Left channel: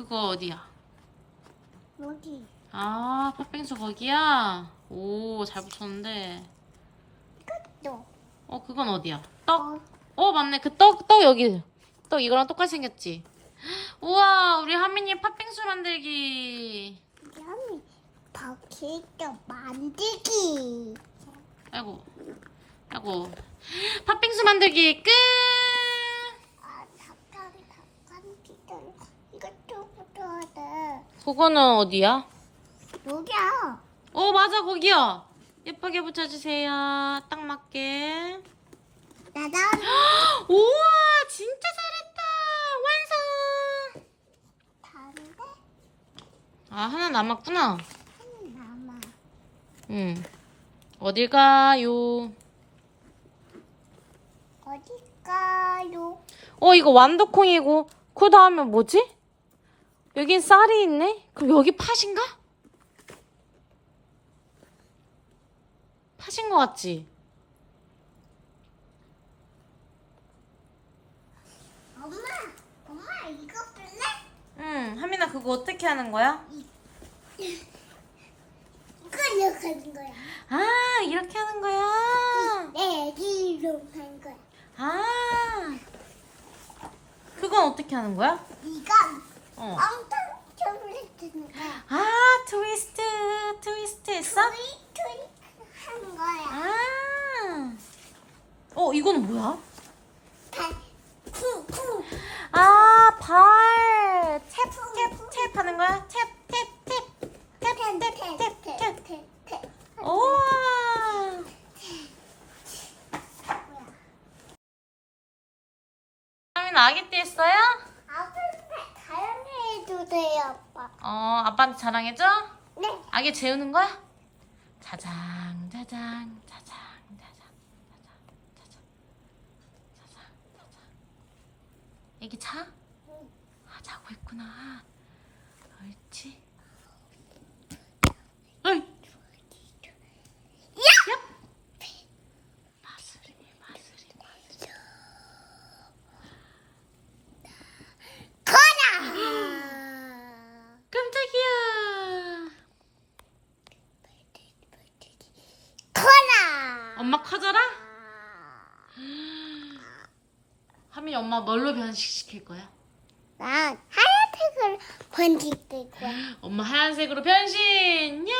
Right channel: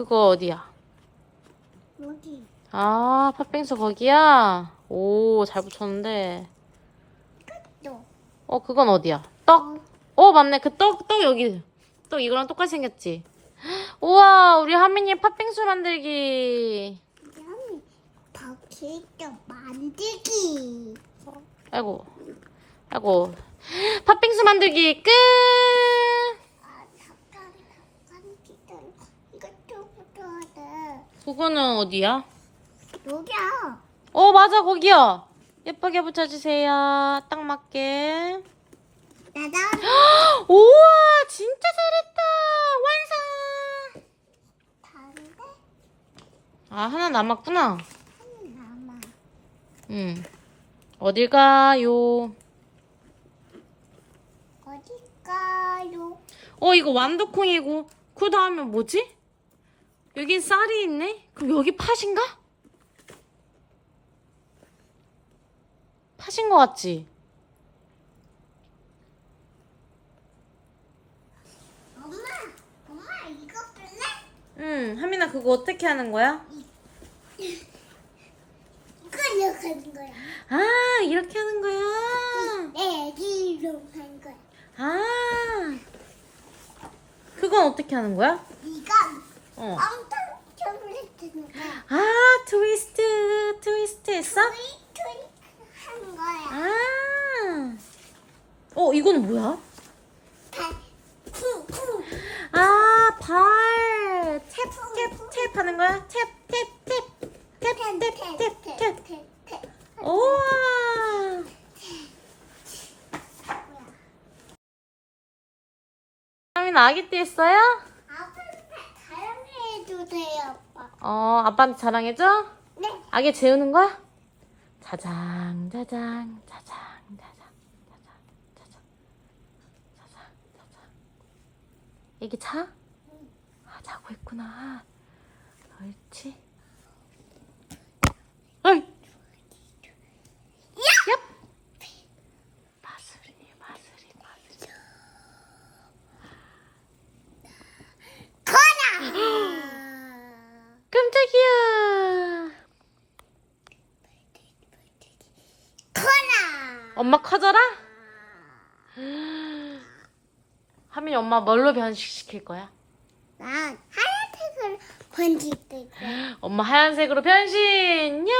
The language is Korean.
그거 어디야? 여기. 아, 팥빙수 거기야? 오, 잘 붙였는데. 또. 어, 그건 어디야? 떡? 어, 어, 맞네. 그 떡, 떡 여기. 떡 이거랑 똑같이 생겼지? 우와, 우리 하민이 팥빙수 만들기. 여기. 바퀴도 만들기. 아이고, 아이고. 팥빙수 만들기 끝! 아, 잠깐, 잠깐 기다려. 이것도 붙어야 돼. 그거는 어디야? 여기야. 어, 맞아, 거기야. 예쁘게 붙여주세요. 딱 맞게. 나도 우와, 진짜 잘했다. 완성! 다른데 아, 하나 남았구나. 하나 남아. 응. 어딜 가요? 어딜까요? 어, 이거 완두콩이고, 그 다음에 뭐지? 여긴 쌀이 있네? 그럼 여기 팥인가? 팥인 것 같지? 엄마, 엄마 이거 볼래? 응, 하민아, 그거 어떻게 하는 거야? 이거 이렇게 하는 거야. 아, 이렇게 하는 거야? 내 애기로 한 거야. 아, 그건 어떻게 하는 거야? 이건 어. 아, 트위스트, 트위스트 했어? 트윗 하는 거야. 아, 어, 이거는 뭐야? 발, 쿵, 쿵. 아, 발. 탭, 탭, 탭 하는 거야? 탭, 탭, 탭. 탭, 탭, 탭, 탭, 탭. 탭, 탭. 우와. 하민 아기 때 했어요? 해주세요, 아빠. 어, 아빠한테 자랑해줘? 네. 아기 재우는 거야? 자장, 자장, 자장, 자장, 자장, 자장, 자장, 자장. 이게 자? 아, 자고 있구나. 옳지. 어이. 야! 마술이, 마술이, 마술이. 거라! 깜짝이야. 거라! 엄마 커져라? 하민이 엄마 뭘로 변식시킬 거야? 난 하얀색을 번질 거야. 엄마 하얀색으로 변신! 야!